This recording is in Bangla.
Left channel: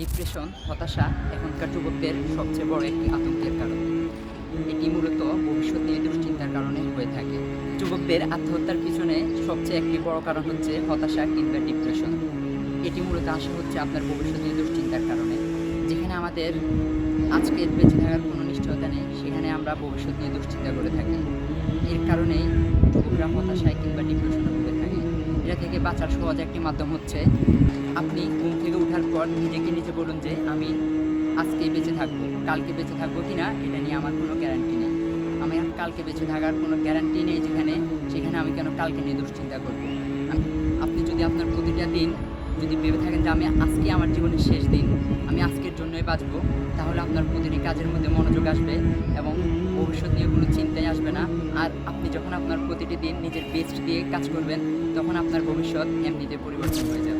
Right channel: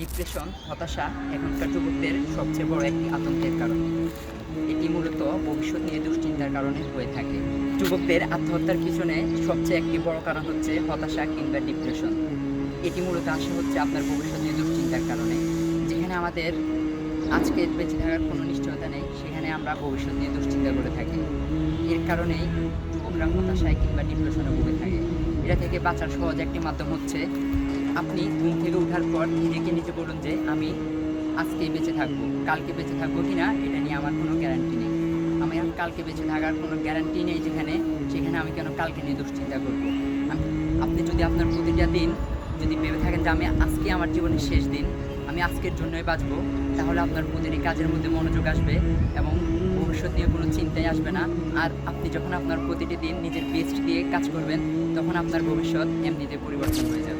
ডিপ্রেশন, হতাশা এখনকার যুবকদের সবচেয়ে বড় একটি আতঙ্কের কারণ। এটি মূলত ভবিষ্যৎ নিয়ে দুশ্চিন্তার কারণে হয়ে থাকে। যুবকদের আত্মহত্যার পিছনে সবচেয়ে একটি বড় কারণ হচ্ছে হতাশা কিংবা ডিপ্রেশন। এটি মূলত আসে হচ্ছে আপনার ভবিষ্যৎ নিয়ে দুশ্চিন্তার কারণে। যেখানে আমাদের আজকে বেঁচে থাকার কোনো নিশ্চয়তা নেই, সেখানে আমরা ভবিষ্যৎ নিয়ে দুশ্চিন্তা করে থাকি। এর কারণেই যুবকরা হতাশায় কিংবা ডিপ্রেশনে ভুগে থাকে। এটা থেকে বাঁচার সহজ একটি মাধ্যম হচ্ছে আপনি ঘুম থেকে ওঠার পর নিজেকে নিজে বলুন যে আমি আজকেই বেঁচে থাকবো, কালকে বেঁচে থাকবো কি না এটা নিয়ে আমার কোনো গ্যারান্টি নেই। আমি আর কালকে বেঁচে থাকার কোনো গ্যারান্টি নেই সেখানে আমি কেন কালকে নিয়ে দুশ্চিন্তা করবো। আপনি যদি আপনার প্রতিটা দিন যদি ভেবে থাকেন যে আমি আজকে আমার জীবনের শেষ দিন, আমি আজকের জন্যই বাঁচবো, তাহলে আপনার প্রতিটি কাজের মধ্যে মনোযোগ আসবে এবং ভবিষ্যৎ নিয়ে কোনো চিন্তাই আসবে না। আর আপনি যখন আপনার প্রতিটি দিন নিজের বেস্ট দিয়ে কাজ করবেন, তখন আপনার ভবিষ্যৎ এমনিতে পরিবর্তন হয়ে যাবে।